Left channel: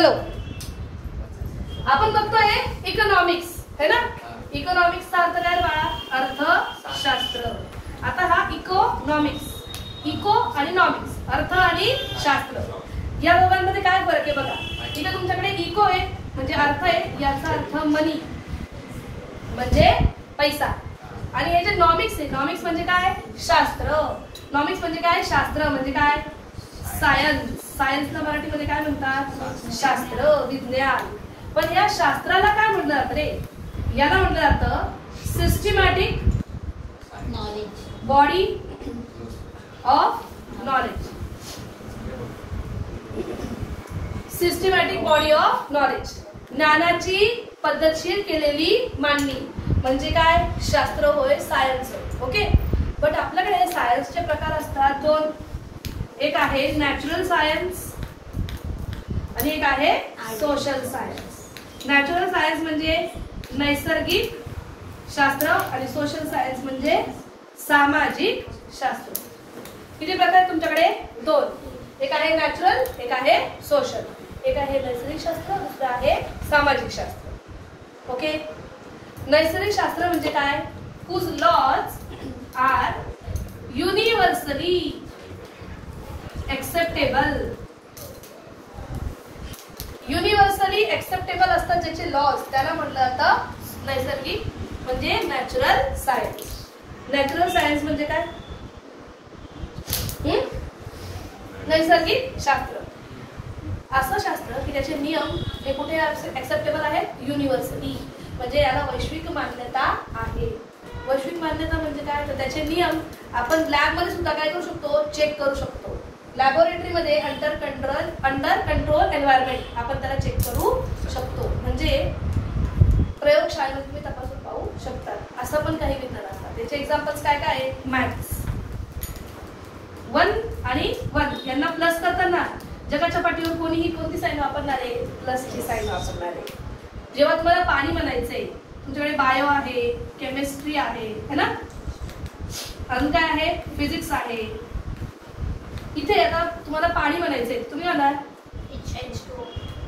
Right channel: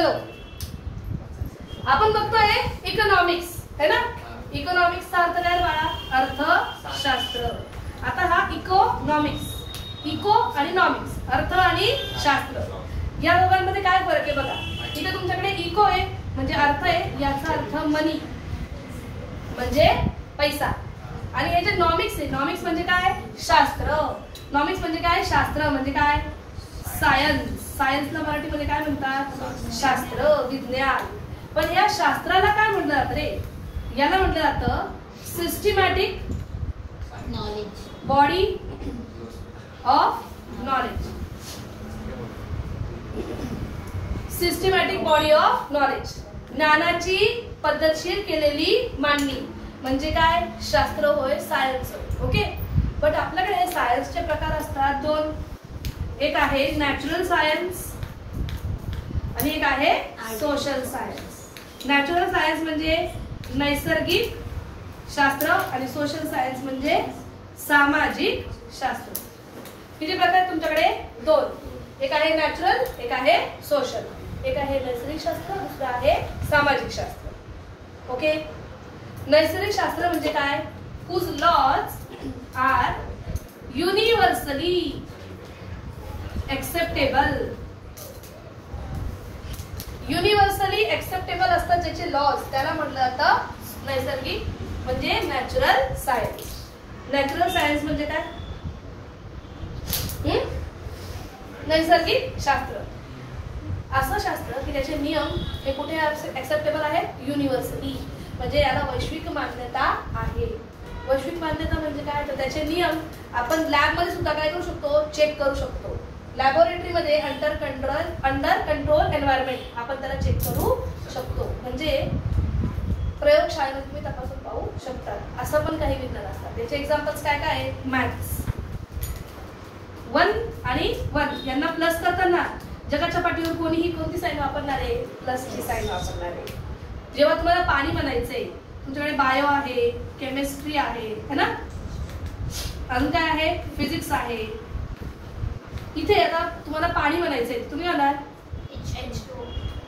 चलो आपण बघतोय इकॉनॉमिक्स है ना. इकॉनॉमिक्सचा अर्थ काय बघा, अर्थशास्त्र. आता हा इकॉनॉमिक्स, इको आणि नॉमिक्स, अर्थ आणि शास्त्र, या दोघांमध्ये काय फरक आहे बघा. इथे तुमच्याकडे इको आहे म्हणजे अर्थ आहे, याचा अर्थ मनी म्हणजे पैसा. आणि हे जे नॉमिक्स आहे, नॉमिक्स म्हणजे काय, शास्त्र. नॉमिक्स म्हणजे काय, शास्त्र म्हणजे काय, सायन्स. सायन्सला मराठीमध्ये काय म्हणतात, शास्त्र, विज्ञान. पण या शास्त्राला काय म्हटलं जातं रे, याला म्हटलं जातं systematic body of knowledge. Systematic body of knowledge, ज्ञानाची पद्धतशीर केलेली मांडणी म्हणजे काय, शास्त्र होय, सायन्स होय. ओके. बट आपल्याकडे सायन्सचे प्रकार असतात दोन. एक आहे नॅचरल सायन्स आणि एक आहे सोशल सायन्स. नॅचरल सायन्स म्हणजे नैसर्गिक शास्त्र आणि सोशल सायन्स म्हणजे सामाजिक शास्त्र. किती प्रकार तुमच्याकडे, दोन. एक आहे नॅचरल, एक आहे सोशल. एक आहे नैसर्गिक शास्त्र, दुसरं आहे सामाजिक शास्त्र. ओके. नैसर्गिक शास्त्र म्हणजे काय, whose laws are universally acceptable. Universally acceptable असतात ज्याचे लॉज, त्याला म्हटलं जातं नैसर्गिक म्हणजे नॅचरल सायन्स. नॅचरल सायन्स म्हणजे काय, नैसर्गिक शास्त्र. असं शास्त्र की त्याचे नियम हे कुठे एक्सेप्टेबल आहेत, युनिव्हर्सली म्हणजे याला वैश्विक मान्यता आहे. वैश्विक मान्यता म्हणजे काय, तर त्याचे नियम आपण लॅब मध्ये सुद्धा काय करू शकतो, चेक करू शकतो. लॅबोरेटरी मध्ये अंडर कंट्रोल एन्व्हायरमेंट आपण त्याला चेक करू शकतो. म्हणजे प्रयोगशाळेमध्ये तुम्ही तपासून पाहू शकता. असं पण काही विज्ञान असतात. त्याचे एक्झाम्पल्स काय काय आहे, मॅथ्स 1 आणि 1 यांना प्लस करताना जगाच्या पाठीवर कोणीही कोणती साईन वापरणार आहे, प्लसची साईन वापरणार आहे. जेव्हा तुम्हाला पाणी म्हणायचंय, तुमच्याकडे बायो आहे, केमिस्ट्री आहे है ना, अजून काय आहे, फिजिक्स आहे. इथे आता तुम्हाला पाणी म्हणायचंय, तुम्ही म्हणाल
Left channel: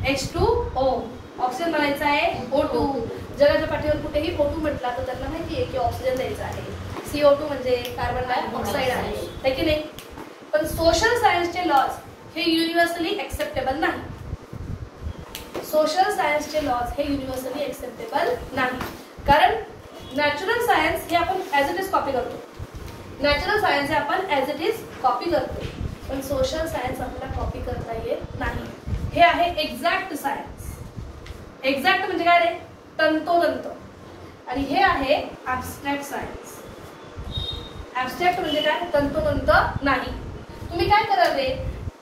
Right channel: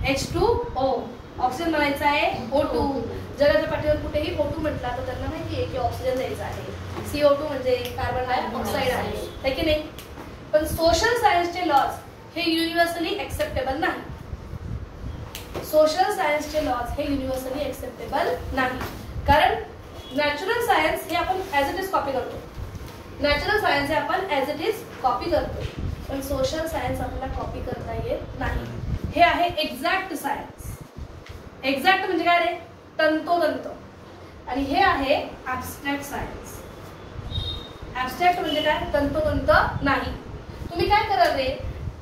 H2O, ऑक्सिजन म्हणायचं आहे O2. जगाच्या पाठीवर कुठेही O2 म्हटला तर त्यांना माहिती आहे की ऑक्सिजन द्यायचा आहे. CO2 म्हणजे कार्बन डायऑक्साइड आहे की नाही. पण सोशल सायन्सचे लॉज हे युनिव्हर्सली एक्सेप्टेबल नाही. सोशल सायन्सचे लॉज हे युनिव्हर्सली एक्सेप्टेबल नाही. कारण नॅचरल सायन्स हे आपण ऍज इट इज कॉपी करतो. नॅचरल सायन्स हे आपण ऍज इट इज कॉपी करतो. पण सोशल सायन्स आपल्याला कॉपी करता येत नाही. हे आहे एक्झॅक्ट सायन्स. एक्झॅक्ट म्हणजे काय रे, तंतोतंत. आणि हे आहे ऍब्स्ट्रॅक्ट सायन्स. ऍब्स्ट्रॅक्ट म्हणजे काय, तंतोतंत नाही. तुम्ही काय कराल रे,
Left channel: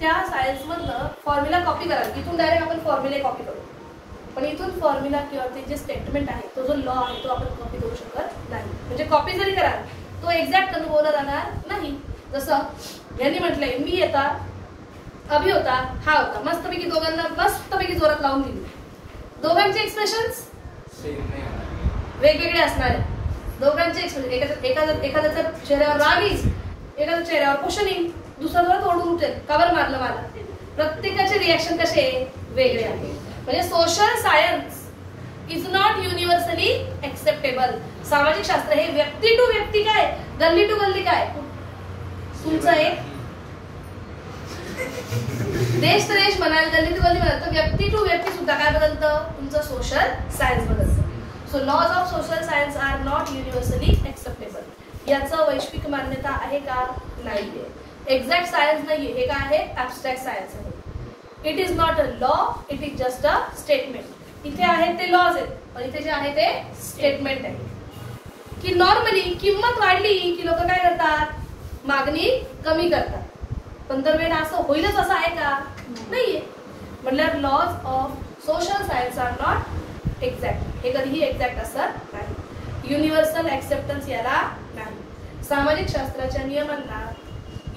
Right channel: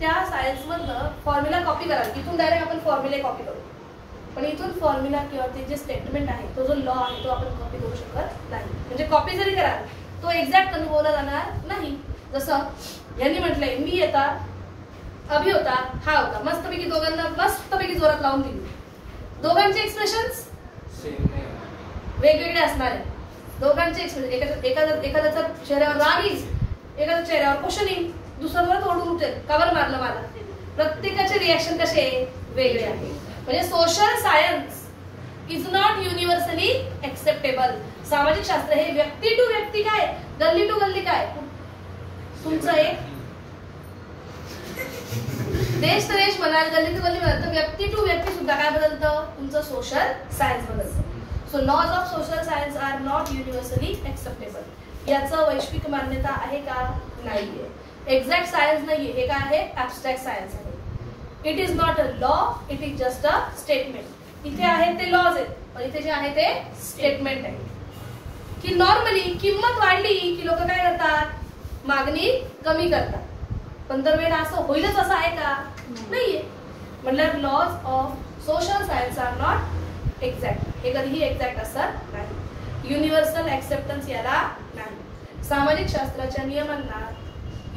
त्या सायन्स मधलं फॉर्म्युला कॉपी कराल. इथून डायरेक्ट आपण फॉर्म्युले कॉपी करू. पण इथून फॉर्म्युला किंवा ते जे स्टेटमेंट आहे, तो जो लॉ आहे, तो आपण कॉपी करू शकत नाही. म्हणजे कॉपी जरी कराल तो एक्झॅक्ट अनुभवला जाणार नाही. जसं यांनी म्हटलंय, मी येता, अभि होता, हा होता, मस्तपैकी दोघांना मस्तपैकी जोरात लावून दिली. दोघांचे एक्सप्रेशन्स वेगवेगळे असणार आहेत. दोघांचे एक्सप्रेशन, एखाद्याच्या चेहऱ्यावर राग येईल, एखाद्या चेहऱ्यावर क्वेश्चनिंग, दुसरा जोरात ओढून उठेल, का बरं मारलं मला. प्रत्येकाचे रिएक्शन कसे वेगळे आहे. म्हणजे social science is not universally acceptable. सामाजिक शास्त्र हे व्यक्ती टू व्यक्ती काय, गल्ली टू गल्ली काय, तुमचं एक देश तो देश म्हणाल, गल्ली टू गल्ली म्हणाल, तर व्यक्ती टू व्यक्ती सुद्धा काय बदलतं, तुमचं सोशल सायन्स बदलतं. So laws of social science are not universally acceptable. याचं वैश्विक मान्यता आहे का, नाहीये. एक्झॅक्ट सायन्स नाहीये. हे काय आहे, ऍब्स्ट्रॅक्ट सायन्स आहे. It is not a law, it is just a statement. इथे आहे ते लॉज आहेत, पण इथे जे आहे ते स्टेटमेंट आहे. की नॉर्मली किंमत वाढली की लोक काय करतात, मागणी कमी करतात. पण दर वेळेला असं होईलच असं आहे का, नाहीये. म्हणलं laws of social science are not exact. हे कधीही एक्झॅक्ट असत नाही. युनिव्हर्सल एक्सेप्टन्स याला नाही. सामाजिक शास्त्राच्या नियमांना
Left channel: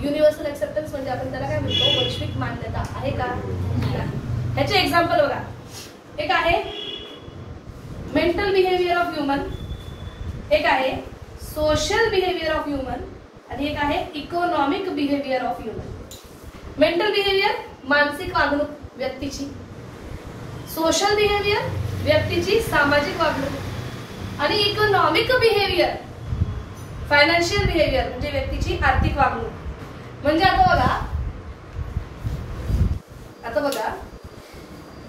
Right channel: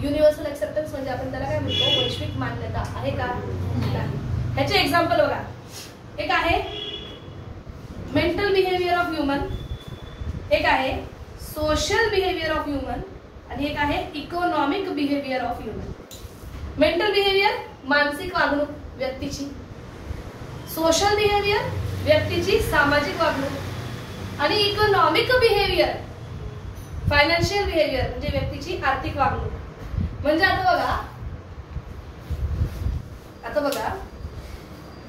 युनिव्हर्सल एक्सेप्टन्स म्हणजे आपण त्याला काय म्हणतो, वैश्विक मान्यता आहे का, नाही. ह्याचे एक्झाम्पल बघा. एक आहे मेंटल बिहेवियर ऑफ ह्युमन, एक आहे सोशल बिहेवियर ऑफ ह्युमन आणि एक आहे economic behaviour of human. Mental behaviour मानसिक वागणूक व्यक्तीची, सोशल बिहेवियर व्यक्तीची सामाजिक वागणूक आणि इकॉनॉमिक बिहेवियर फायनान्शियल बिहेवियर म्हणजे व्यक्तीची आर्थिक वागणूक. म्हणजे आता बघा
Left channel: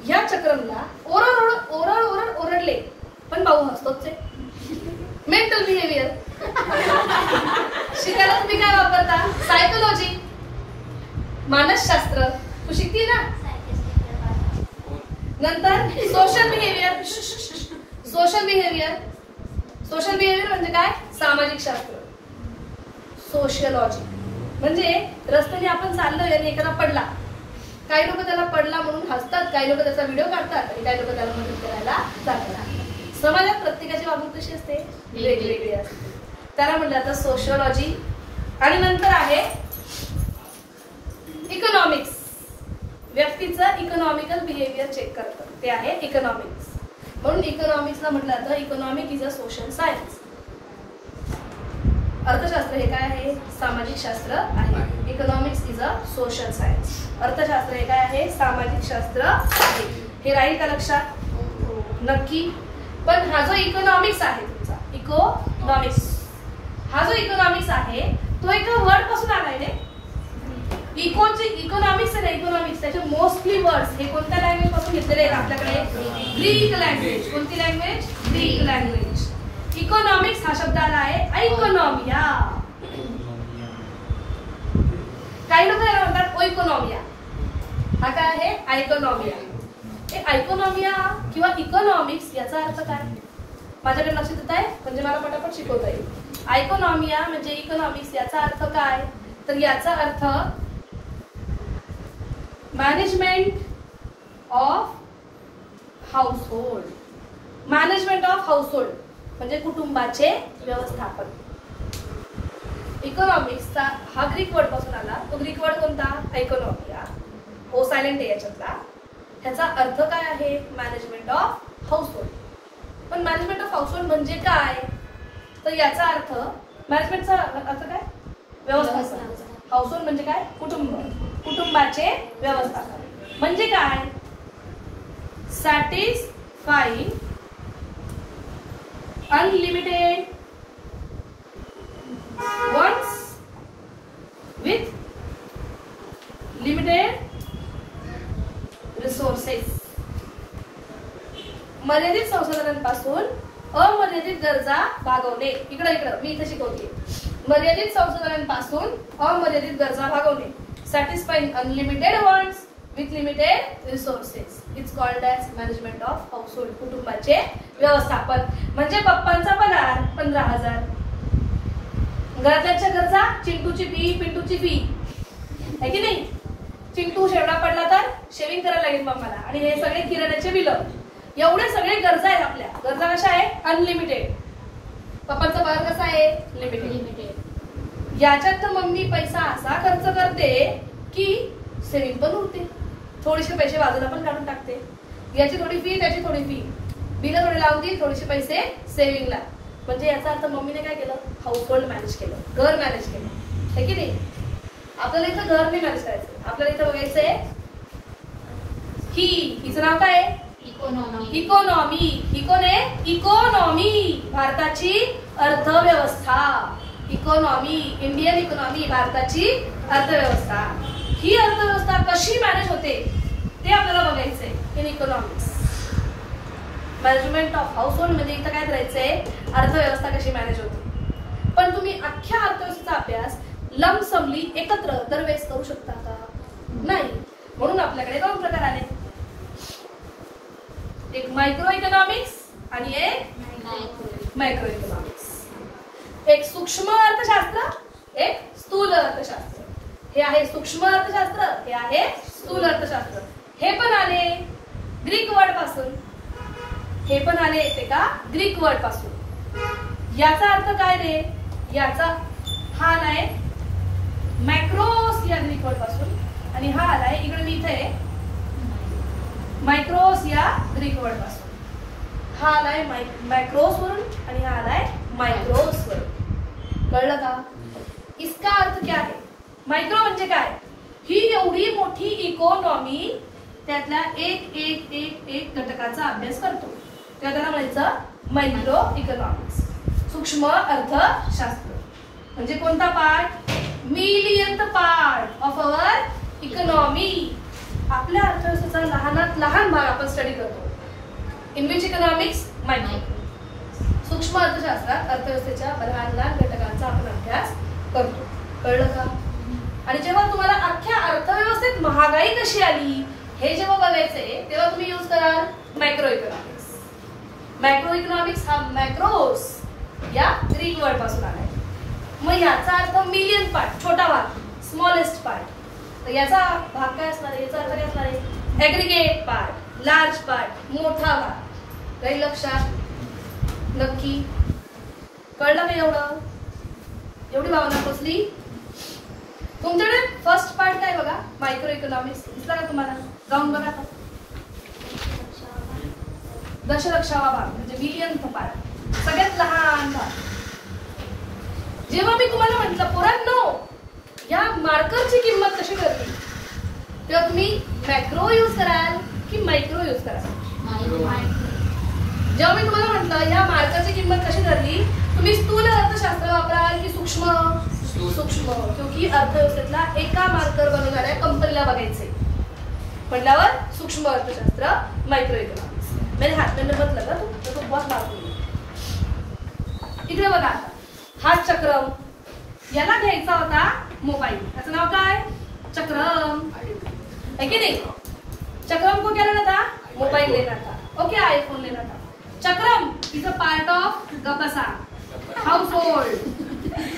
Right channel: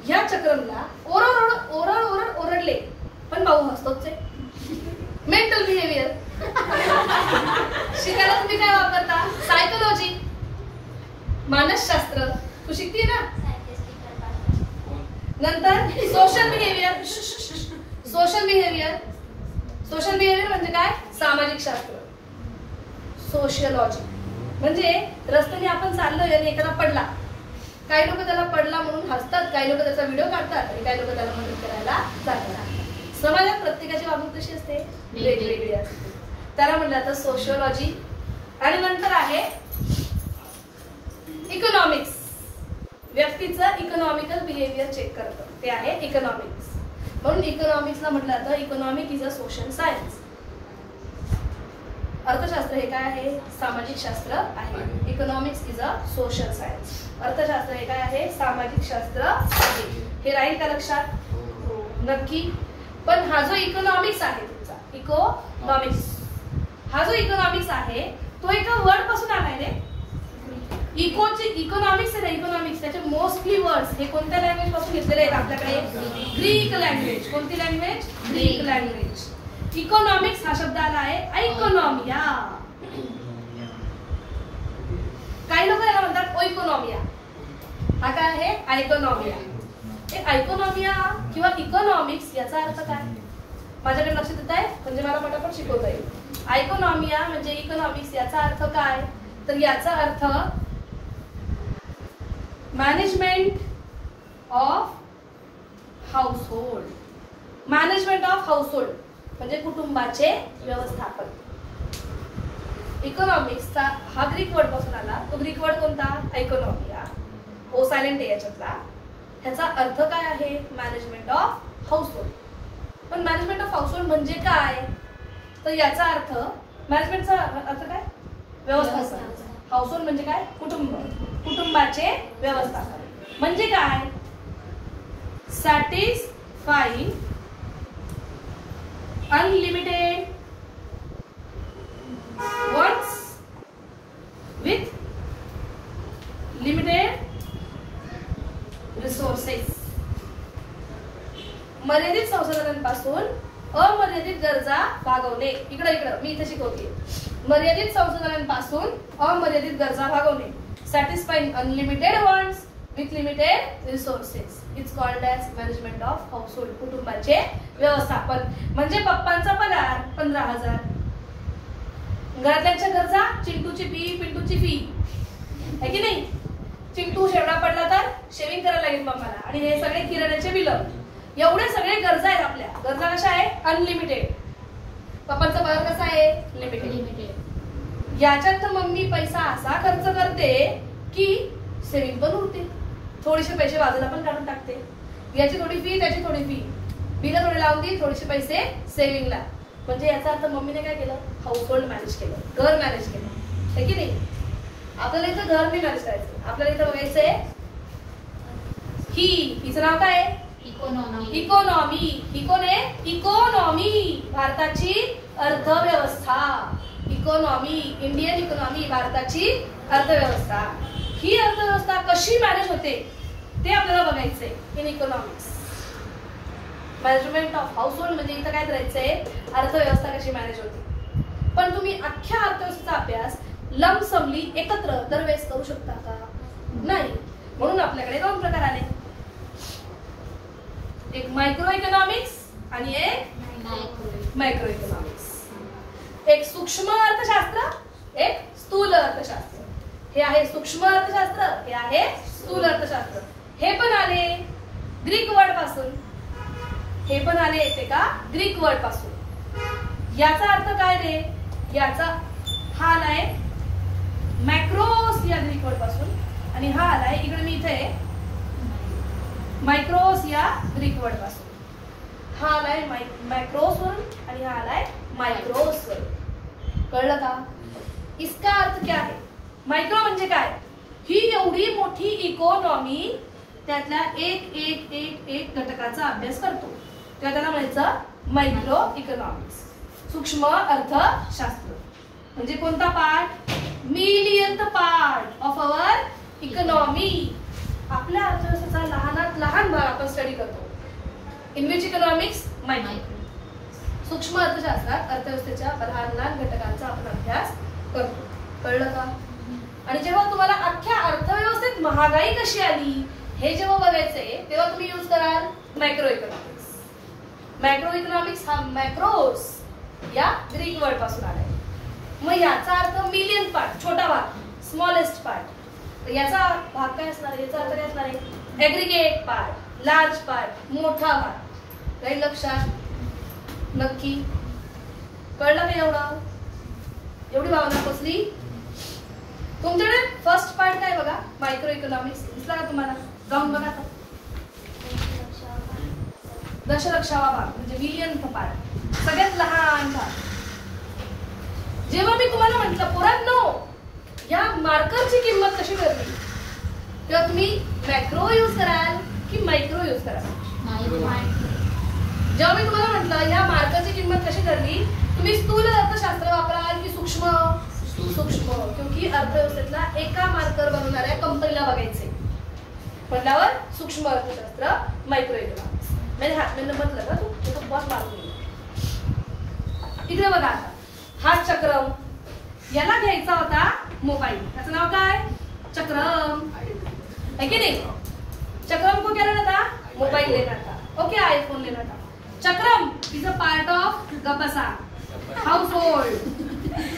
ह्या चक्रमला ओरडले पण भाऊ हसतोच. मेंटल बिहेवियर शिकायला तुम्ही काय वापरता? सायकोलॉजी, मानसशास्त्र तू शिकती ना. नंतर सोशल बिहेवियर म्हणजे काय? सामाजिक शास्त्र. सोशियोलॉजी म्हणजे रस्त्याने आपण चाललोय आणि एखादा पडला, काही लोक त्याला पडला म्हणून हसतात, काही लोक त्याचा व्हिडिओ काढतात आणि काही लोक त्याला मदत करायला जातात. समाजात प्रत्येकाची वागणूक कशी असते? वेगवेगळी असते. त्याला म्हणलं जातं सोशियोलॉजी. आणि नंतर आहे इकॉनॉमिक्स. व्यक्तीचं इकॉनॉमिकल बिहेवियर चेक करतं, ते आहे इकॉनॉमिक्स. म्हणून इकॉनॉमिक्सला म्हटलं जातं economic is a social science. अर्थशास्त्र हे काय आहे? सामाजिक शास्त्र आहे. Economics is a social science. अर्थशास्त्र हे काय आहे? सामाजिक शास्त्र आहे. हे राहील का लक्षात? नक्की. पण हा जो इकॉनॉमिक्स आहे तुमचा हा जो इकॉनॉमिक्स आहे तो एका वर्ड पासून आलाय रे. इकॉनॉमिक्स आहे ना, इकॉनॉमिक्स त्याचे मोस्टली वर्ड्स हे कोणत्या लँग्वेज पासून घेतलेले आहेत आपल्याकडे? Greek language. कोणती लँग्वेज? Greek language. इकॉनॉमिक्स हा शब्द आला आहे इकॉनॉमिया. काही लोक याला म्हणतात ओइकोनॉमिया. हा काय आहे? आयकोनॉमिया. आयकोनॉमिया किंवा इकॉनॉमिक्स याचा अर्थ काय? माझ्याकडे लक्षात येत आहे म्हणजे मला पटापट शिकवता येईल. आयकोनॉमिया म्हणजे इकॉनॉमिक्स याचा अर्थ काय? तर याचा अर्थ management of household. Management of household म्हणजे कुटुंबाचे व्यवस्थापन. इकॉनॉमिक्सचा हा ग्रीक वर्ड पासून आला. तो ग्रीक वर्ड कोणता? इकॉनॉमिया. ओ सायलेंट आहे याच्यातला. ह्याचा अर्थ काय आहे? Management of household. पण मॅनेजमेंट ऑफ हाऊसहोल्ड म्हणजे काय? तर याचा अर्थ मॅनेजमेंटचा अर्थ काय? व्यवस्थापन. हाऊसहोल्ड म्हणजे काय? कुटुंब. कुटुंबाचे व्यवस्थापन म्हणजे काय? Satisfying unlimited wants with limited resources. मर्यादित संसाधनांपासून अमर्यादित गरजा भागवणे. इकडं मी इथे शिकवते. मर्यादित संसाधनांपासून अमर्यादित गरजा भागवणे. Satisfying unlimited wants with limited resources it's called as management of household. कुटुंबाचे व्यवस्थापन म्हणजे पप्पांचा पगार 15,000. घरातल्या गरजा चिंटूची फी, पिंटूची फी आहे की नाही? चिंटू शेवडा पडला तर शेविंग करायला लागेल मम्माला. आणि हे सगळे किराण्याचे बिल. एवढे सगळे गरजा आहेत आपल्या. गरजा कशा आहे? अनलिमिटेड. पप्पांचा पगार कसा आहे? लिमिटेड. याच्यात तर मम्मी पैसा असा खर्च करते की सेविंग पण उरते. थोडेसे पैसे बाजूला पण काढून टाकते. याची थोडी फी, त्याची थोडी फी, बिल थोडी लावून दी, थोडेसे पैसे सेव्हिंगला. म्हणजे याचा अर्थ मम्मीने काय केलं? हाऊसहोल्ड मॅनेज केलं, घर मॅनेज केलं, है की नाही? आपल्याला इथं घर नाही मॅनेज करायचं. आपल्याला इथं बघायचंय हिचं नाव काय आहे? इकॉनॉमी. इकॉनॉमी भारताची अर्थव्यवस्था. इकॉनॉमी, इंडियन इकॉनॉमी भारताची अर्थव्यवस्था. ही अर्थव्यवस्था कशी मॅनेज होते ते आपल्याला बघायचंय in economics. Management of household म्हणजे इथं काय करायचंय? अर्थव्यवस्था कशी मॅनेज होते. पण तुम्ही अख्ख्या अर्थव्यवस्थेचा अभ्यास लंबसमली एकत्र दरवेळेस करू शकता का? नाही. म्हणून आपल्याकडे 2 प्रकार आले. एक मायक्रो इकॉनॉमिक्स आणि एक मायक्रो इकॉनॉमिक्स. एक सूक्ष्म अर्थशास्त्र, एक स्थूल अर्थशास्त्र. हे आहे सूक्ष्म अर्थशास्त्र, हे आहे स्थूल अर्थशास्त्र. हे पण आले ग्रीक वर्ड पासून. हे पण आले येते का? ग्रीक वर्ड पासून. याचा अर्थ काय रे? याचा हा आलाय मॅक्रोस या ग्रीक वर्ड पासून आणि हा आलाय इकडे मी इथे मायक्रोस या ग्रीक वर्ड पासून. हा आलाय मॅक्रोस वरून आणि हा आलाय मायक्रोस वरून. कळलं का? इसका अर्थ क्या है? मायक्रो म्हणजे काय? ही एवढी मोठी इकॉनॉमी त्यातल्या एक घटकाचा अभ्यास करतो. त्याला म्हणायचं मायक्रो इकॉनॉमिक्स, सूक्ष्म अर्थशास्त्र. म्हणजे कोणता part? Millionth part of our economy. आपल्या अर्थव्यवस्थेचा लहानात लहान भाग आपण स्टडी करतो. In which economics? मायक्रो. सूक्ष्म अर्थशास्त्रात अर्थव्यवस्थेच्या लहान लहान घटकांचा आपण अभ्यास करतो. कळलं का? आणि जेव्हा तुम्हाला अख्ख्या अर्थव्यवस्थेत महागाई कशी आली हे जेव्हा बघायचंय तेव्हा तुम्ही यूज कराल मॅक्रो इकॉनॉमिक्स. मॅक्रो इकॉनॉमिक्स हा मॅक्रोस या ग्रीक वर्ड पासून आलाय. मग याचा अर्थ मिलियन पार्ट, छोटा भाग, स्मॉलेस्ट पार्ट. तर याचा भाग काय असणार आहे? याचा अर्थ काय असणार आहे? एग्रीगेट पार्ट, लार्ज पार्ट, मोठा भाग. काही लक्षात? नक्की कळलं नाही? एवढी भावना कसली? तुमच्याकडे फर्स्ट पार्ट काय बघा, मायक्रो इकॉनॉमिक्स दिसला का तुम्हाला? जाऊन बघा. दशलक्षावा भाग म्हणजे मिलियन पार्ट, सगळ्यात लहान भाग. जेव्हा मी तुम्हाला म्हटलं पोरांनो या मार्करची किंमत कशी ठरली, तेव्हा तुम्ही मॅक्रो यूज कराल की मायक्रो यूज कराल? जेव्हा मी तुम्हाला म्हटलं या मार्करची किंमत कशी ठरली, तुम्ही स्थूल अर्थशास्त्र वापराल की सूक्ष्म? सूक्ष्म. क्योंकि अर्थव्यवस्थेतला एका मार्कर बनवणाऱ्या कंपनीला बघायचे म्हटल्यावर सूक्ष्म अर्थशास्त्र, मायक्रो इकॉनॉमिक्स. मेरे हाथ में मत लगा तो बहुत मार्क होईल. तिकडे बघा आता हा चक्रम, याला घ्यायचा होता मोबाईल. याचं नाव काय? चक्रम, है की नहीं? चक्रम को क्या लेना था? मोबाइल लेना था. ओके, आईफोन लेना था. चक्रम इज अ पार्ट ऑफ गपसा, हाऊसहोल्ड.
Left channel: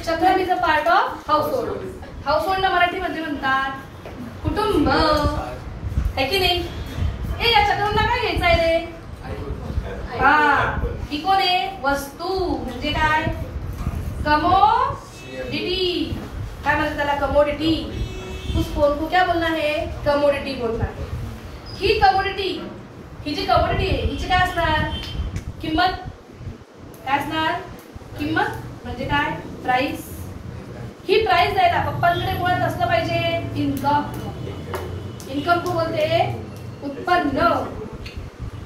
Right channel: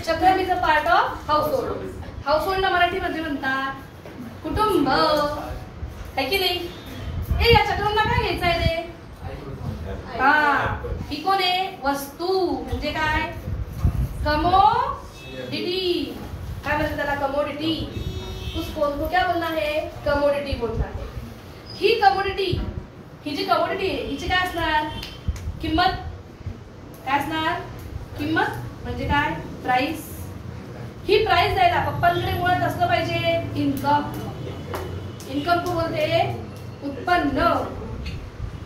चक्रम is a part of household. हाऊसहोल्डला मराठीमध्ये म्हणतात कुटुंब, है की नाही? ए या चक्रमला काय घ्यायचं आहे रे? हा, ही कोण आहे? वस्तू. म्हणजे काय? कमोडिटी. काय म्हणतात त्याला? कमोडिटी. उसको क्या बोलना है? कमोडिटी बोलना है. ही कमोडिटी, ही जी कमोडिटी आहे हिची काय असणार? किंमत. काय असणार? किंमत म्हणजे काय? प्राइस. ही प्राइस द्यायला पप्पांकडे मुळात असलं पाहिजे इन्कम. इन्कम को बोलते उत्पन्न.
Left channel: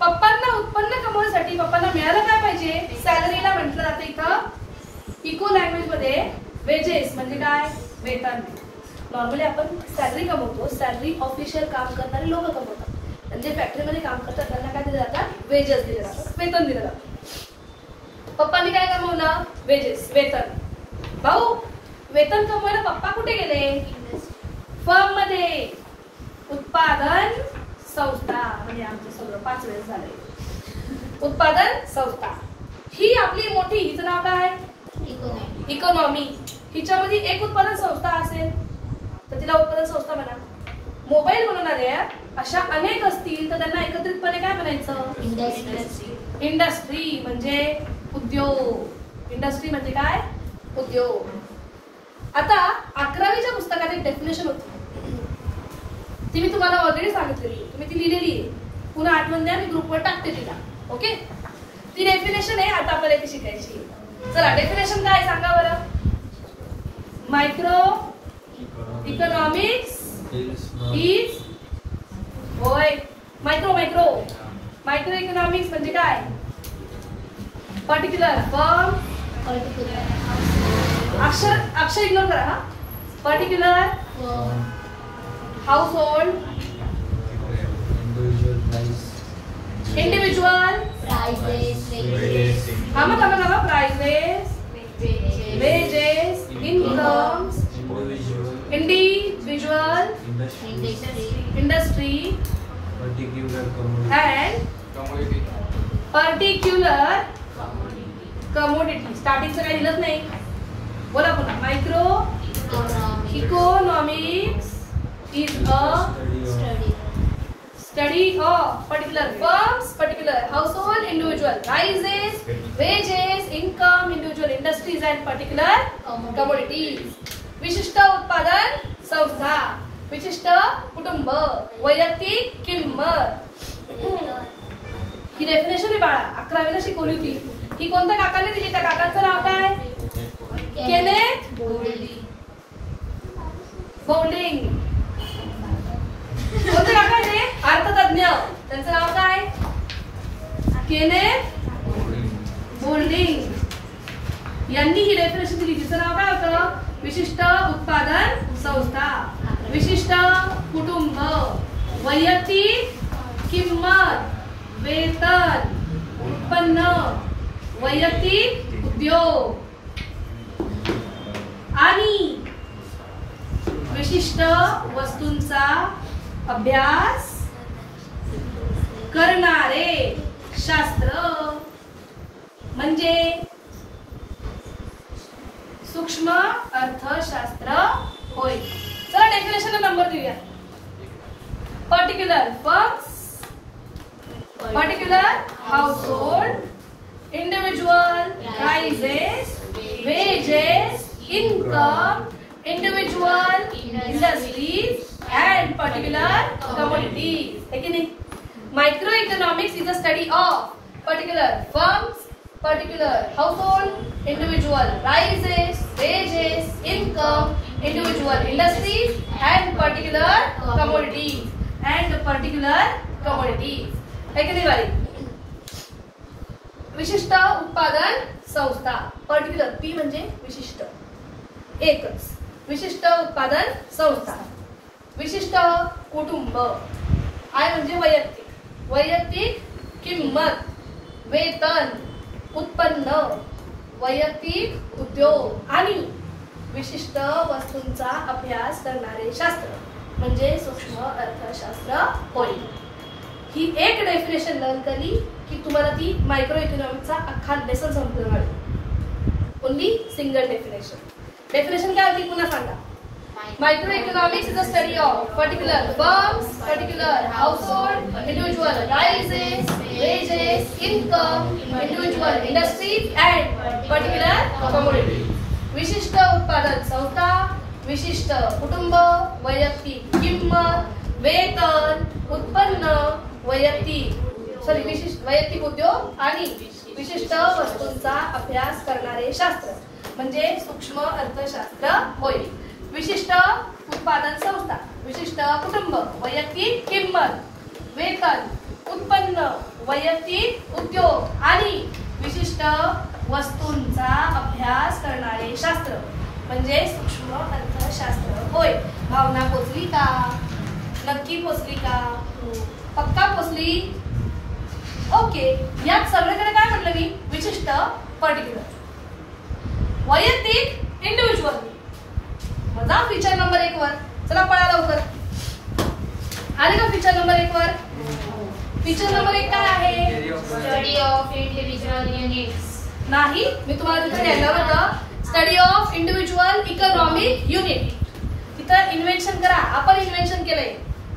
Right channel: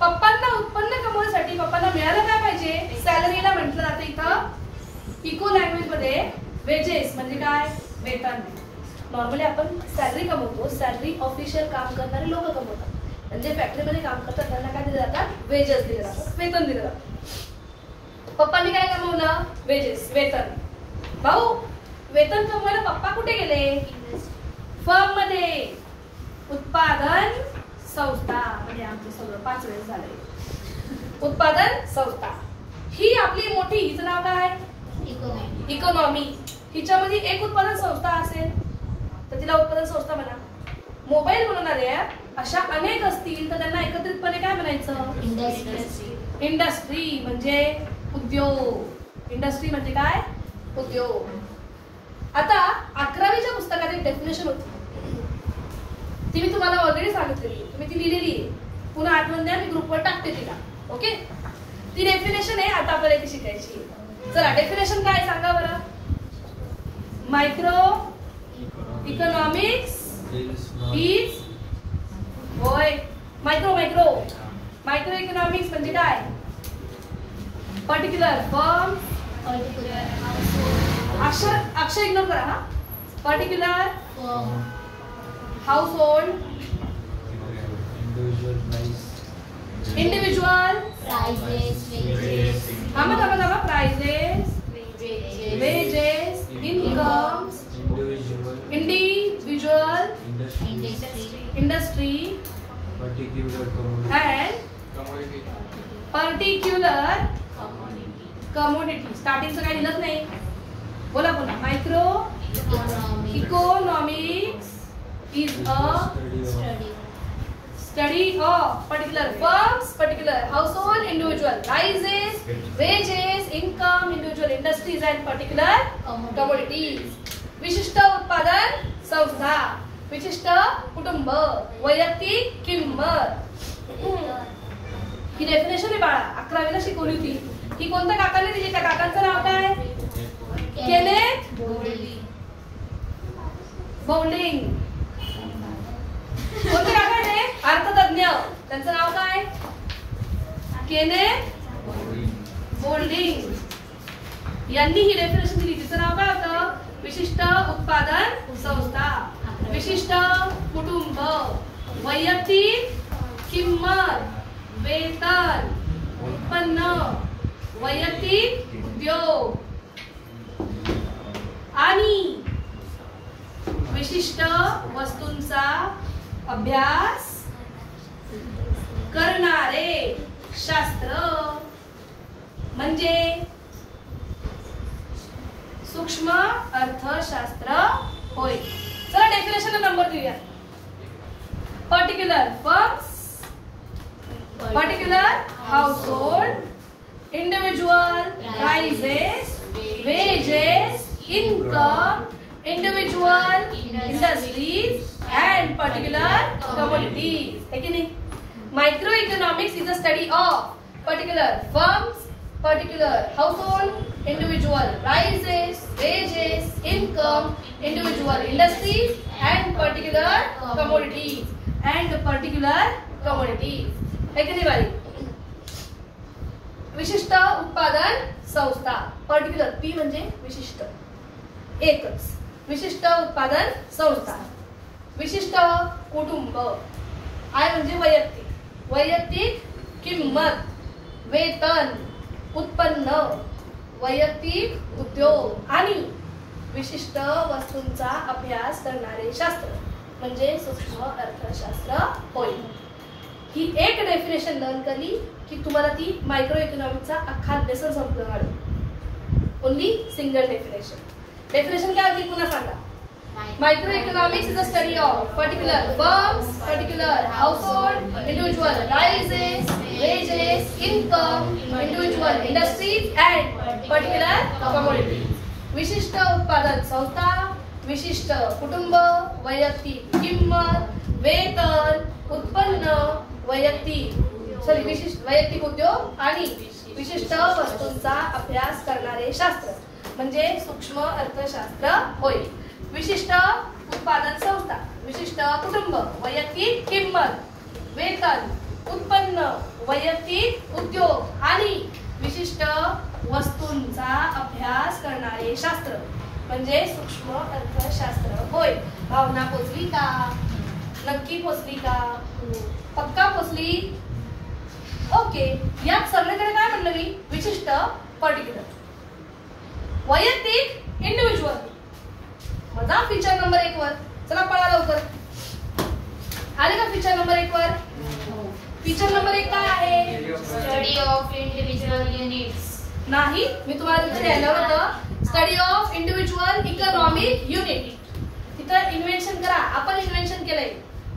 पप्पांना उत्पन्न कमवण्यासाठी पप्पांना मिळालं काय पाहिजे? सॅलरीला म्हटलं जातं इथं इको लँग्वेज मध्ये वेजेस. म्हणजे काय? वेतन. नॉर्मली आपण सॅलरी कमवतो, सॅलरी ऑफिशियल काम करणारे लोक कमवतात. म्हणजे फॅक्टरीमध्ये काम करतात त्यांना काय दिले जातात? वेजेस दिले जातात, वेतन दिले जातात. पप्पांनी काय कमवलं? वेजेस, वेतन. भाऊ वेतन कमवायला पप्पा कुठे गेले? फर्म मध्ये. उत्पादन संस्था. म्हणजे आमचे सगळं 5 वेळेस झाले. उत्पादन संस्था ही आपली मोठी, हिचं नाव काय? इकॉनॉमी. हिच्यामध्ये एक उत्पादन संस्था असेल तर तिला उत्पादन संस्था म्हणा. मोबाईल बनवणाऱ्या अशा अनेक असतील तर त्यांना एकत्रितपणे काय म्हणायचं? इंडस्ट्री. म्हणजे उद्योग. इंडस्ट्री म्हणजे काय? उद्योग. आता 11वीच्या पुस्तकात एक डेफिनेशन होती, ती मी तुम्हाला ऑलरेडी सांगितलेली, तुम्ही ती लिहिलेली आहे. पुन्हा आठवण द्या, मी ग्रुपवर टाकते तिला. ओके, ती डेफिनेशन आहे, आता आपल्याला ती शिकायची. चला डेफिनेशन काय सांगा बरं? मायक्रो इकॉनॉमिक्स इज, होय मायक्रो इकॉनॉमिक्स म्हणजे काय? Particular firm. अक्षर इग्नोर करा हा. Particular household, individual prices, wedges, incomes, individual, industry and particular commodity. स्टार्टिंगचं काही लिहिलंच नाही. बोला पुन्हा. Micro economics is a study of particular firms, particular household, individual prices, wages, income, individual industries and particular commodities. विशिष्ट उत्पादन संस्था, विशिष्ट कुटुंब, वैयक्तिक किंमत. ही डेफिनेशन आहे बाळा, 11वीला शिकवली होती. ही कोणत्या काकाने दिली? त्या काकाचं नाव काय? Kenneth Boulding. कोणते काका आहे? त्यांचं नाव काय? केनेथ गोल्डिंग यांनी ही डेफिनेशन दिली. तिचं नाव काय होतं? विशिष्ट उत्पादन संस्था, विशिष्ट कुटुंब, वैयक्तिक किंमत, वेतन, उत्पन्न, वैयक्तिक उद्योग आणि विशिष्ट वस्तूंचा अभ्यास करणारे शास्त्र म्हणजे सूक्ष्म अर्थशास्त्र होय. चला डेफिनेशनला नंबर देऊया. Particular firms, particular household, individual prices, wages, income, individual industries and particular commodities. Again, microeconomics is the study of particular firms, particular household, individual prices, wages, income, individual industries and particular commodities and particular commodities. Again, वाली विशिष्ट उत्पादन संस्था. Particular P म्हणजे विशिष्ट, एकच विशिष्ट उत्पादन संस्था. विशिष्ट कुटुंब, आय म्हणजे वैयक्तिक, वैयक्तिक किंमत, वेतन, उत्पन्न, वैयक्तिक उद्योग आणि विशिष्ट वस्तूंचा अभ्यास करणारे शास्त्र म्हणजे सूक्ष्म अर्थशास्त्र होय. ही एक डेफिनेशन लर्न केली की तुम्हाला ती मायक्रो इकॉनॉमिक्सचा अख्खा लेसन संपणार आहे. Only single definition. डेफिनेशन काय होती पुन्हा सांगा. Micro economics is the study of particular firms, particular household, individual prices, wedges, income, individual industries and particular commodity. विशिष्ट उत्पादन संस्था, विशिष्ट कुटुंब, वैयक्तिक किंमत, वेतन, उत्पन्न, वैयक्तिक उद्योग आणि विशिष्ट वस्तूंचा अभ्यास करणारे शास्त्र म्हणजे सूक्ष्म अर्थशास्त्र होय. विशिष्ट उत्पादन संस्था, विशिष्ट कुटुंब, वैयक्तिक किंमत, वेतन, उत्पन्न, वैयक्तिक उद्योग आणि विशिष्ट वस्तूंचा अभ्यास करणारे शास्त्र म्हणजे सूक्ष्म अर्थशास्त्र होय. भावना पोचली का? नक्की पोचली का? पक्का पोचली? ओके. यात सगळीकडे काय म्हणलं मी? विशिष्ट, पर्टिक्युलर, वैयक्तिक, इंडिव्हिज्युअल. मजा फीचर नंबर 1 वर. चला पळा लवकर. आले का फीचर नंबर 1 वर? फीचर नंबर 1 काय आहे? Study of individual units. नाही, मी तुम्हाला तिथे लिहिलं होतं study of individual economic unit. तिथं इन्व्हेन्शन करा. आपण इन्व्हेन्शन केलंय.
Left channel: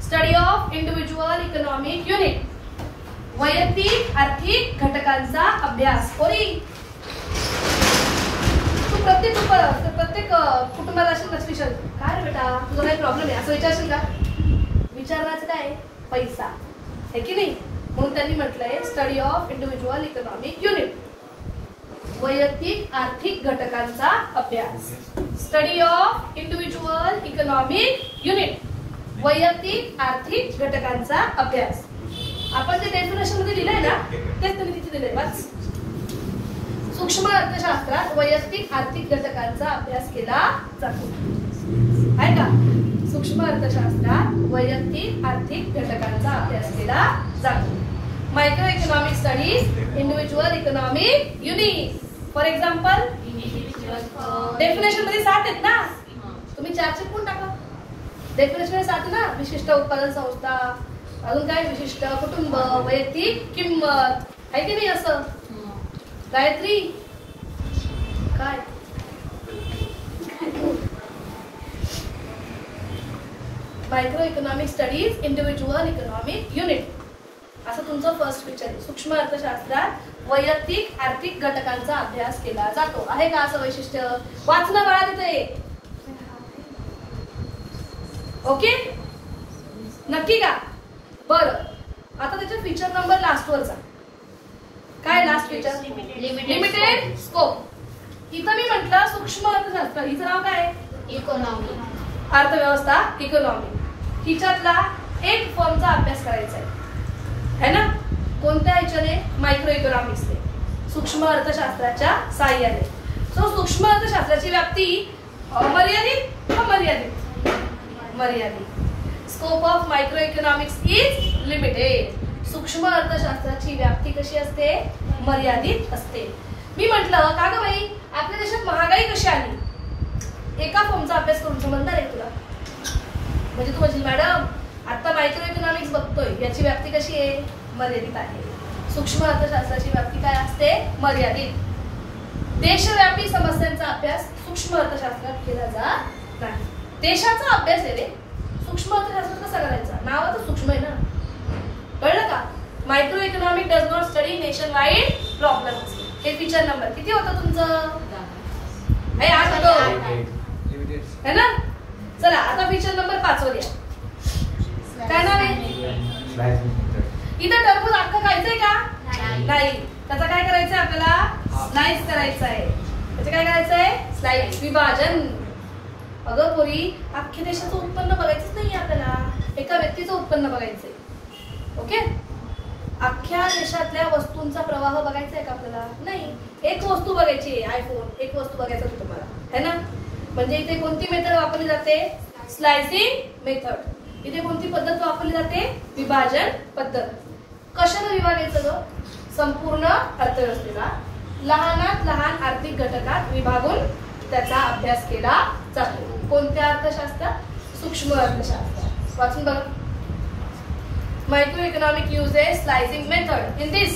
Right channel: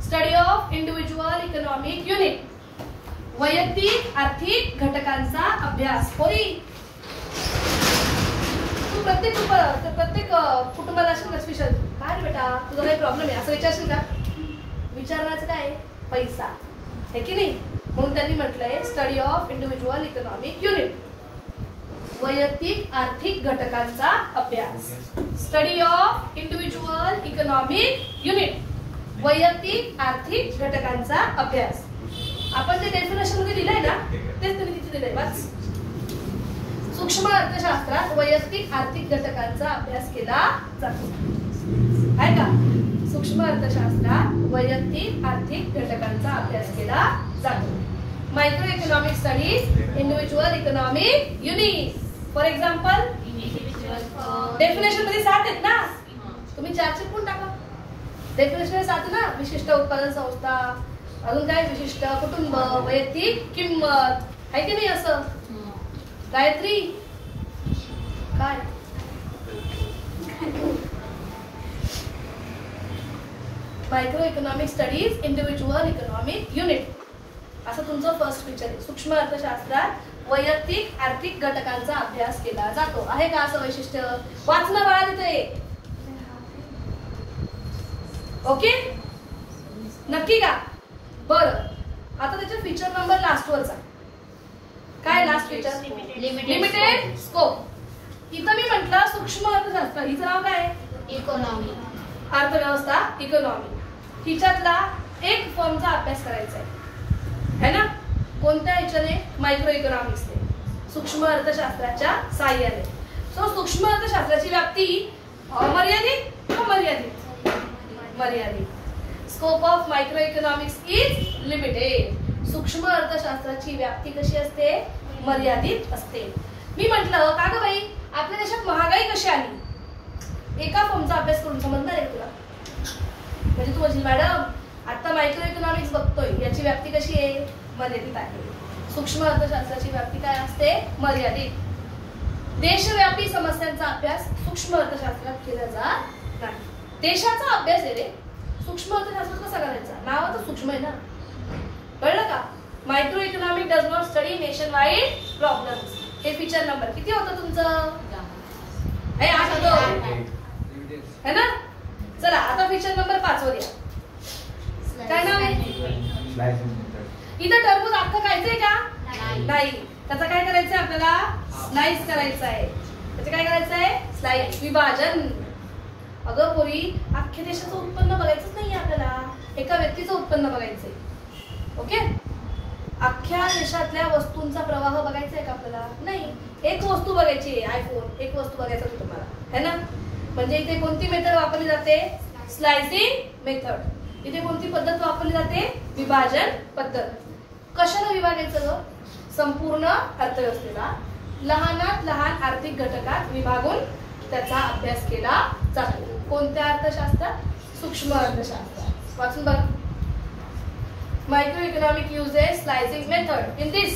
Study of individual economic unit, वैयक्तिक आर्थिक घटकांचा अभ्यास होई. तू प्रत्येक कुटुंबाला असेल विचार, काय रे बेटा तुझा काही प्रॉब्लेम आहे असं विचारशील का? विचारण्याचं काय? पैसा आहे की नाही. म्हणून त्यांनी म्हटलंय study of individual economic unit, वैयक्तिक आर्थिक घटकांचा अभ्यास. Study of individual economic unit, वैयक्तिक आर्थिक घटकांचा अभ्यास. आपण जे डेफिनेशन मध्ये दिलंय ना तेच त्यांनी तिथे दिलंय. वाच. सूक्ष्म अर्थशास्त्रात वैयक्तिक आर्थिक घटकांचा अभ्यास केला जातो. आहे का? सूक्ष्म अर्थशास्त्रात वैयक्तिक आर्थिक घटकांचा अभ्यास केला जातो. Micro economic studies individual economic unit. For example definition मध्ये 7 आहेत ना, तुम्ही 4 चिटकून टाका. डेफिनेशन मध्ये 7 ना. विशिष्ट उत्पादन संस्था, अजून काय? विशिष्ट कुटुंब, वैयक्तिक किंमत, आहे की नाही असं? गायत्री काय? Micro economic studies individual economic unit असं तुमचं फर्स्ट फीचर आहे. सूक्ष्म अर्थशास्त्रात वैयक्तिक आर्थिक घटकांचा अभ्यास केला जातो. आहे का असं वैशिष्ट्य? वाचणं बाळा तिथे. ओके, नक्की का? बरं, आता त्याच्या फीचर नंबर लास्ट वर जा. काय लास्ट फीचर? Limited scope. इथं मी म्हटलं सूक्ष्म अर्थशास्त्र, हिचं नाव काय? इकॉनॉमी. अर्थव्यवस्था, इकॉनॉमी. हिच्यातला एक फर्मचा अभ्यास करायचा आहे. है ना. कोणत्या ह्याच्याने? मायक्रो इकॉनॉमिक्सने, सूक्ष्म अर्थशास्त्राच्या साह्याने. सो सूक्ष्म अर्थशास्त्राची व्याप्ती मर्यादित का मर्यादित? मर्यादित. Scope of micro economics is limited. सूक्ष्म अर्थशास्त्राची व्याप्ती कशी असते? मर्यादित असते. मी म्हटलं का ग बाई आपल्या देशात महागाई कशी आली? एका फॉर्मचा अभ्यास करून समजणार आहे तुला? म्हणजे तू म्हणशील मॅडम आता मायक्रो इकॉनॉमिक्स बघतोय, याची व्याप्ती कशी आहे? मर्यादित आहे. सूक्ष्म अर्थशास्त्राची व्याप्ती काय असते? मर्यादित. देशव्यापी समस्यांचा अभ्यास सूक्ष्म अर्थशास्त्रात केला जात नाही. देशाचा अभ्यास आहे रे, सूक्ष्म अर्थशास्त्र कसा करायचा? नावाचं सूक्ष्म आहे ना, कळलं का? Micro economic does not study nation wide problems. हे फीचर नंबर किती होतं तुमचं? हे 8 होतं है ना. चला आता फीचर नंबर 5 वर या. काय नाव आहे? इथं टरबूज अख्खं खायचंय का? नाही. त्याचा काय करायचंय आपल्याला? स्लाइस करायचं आहे. त्याचं काय करायचंय? स्लाइस, विभाजन. अगं पोरी अख्ख्या देशाचं उत्पन्न बघायचंच नाही आपल्याला, एका व्यक्तीचं उत्पन्न बघायचंय. ओके. अख्ख्या देशातल्या वस्तूंचा प्रवाह बघायचा आहे का आपल्याला? नाही. एक वस्तू बघायची, आयफोन, एक वस्तू बघायचा होतं तुम्हाला है ना. म्हणजे इथे कोणती मेथड वापरली जाते? Slicing method. इथे कोणती पद्धत वापरली जाते? विभाजन पद्धत. कशाला विभागायचं ग? संपूर्ण अर्थव्यवस्थेला लहानात लहान आर्थिक घटकात विभागून त्याचा अभ्यास केला जातो. कोणत्या अर्थशास्त्रात? सूक्ष्म अर्थशास्त्रात. वाचून बघा. Microeconomic uses slicing method. In this,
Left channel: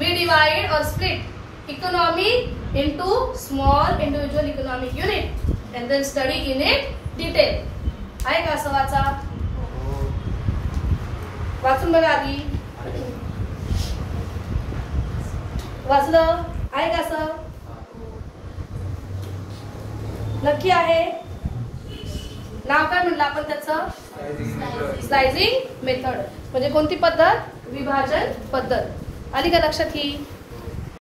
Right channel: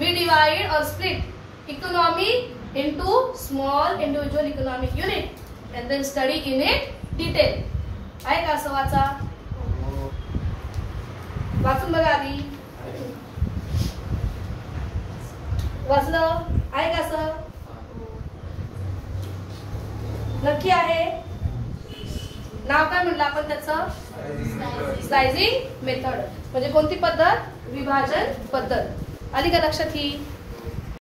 we divide or split economy into small individual economic unit and then study in it detail. आहे का असं? वाचा, वाचून बघा आधी. वाचलं आहे का असं? नक्की आहे? नाव काय म्हटलं आपण त्याचं? Slicing method. म्हणजे कोणती पद्धत? विभाजन पद्धत. आली का लक्षात ही?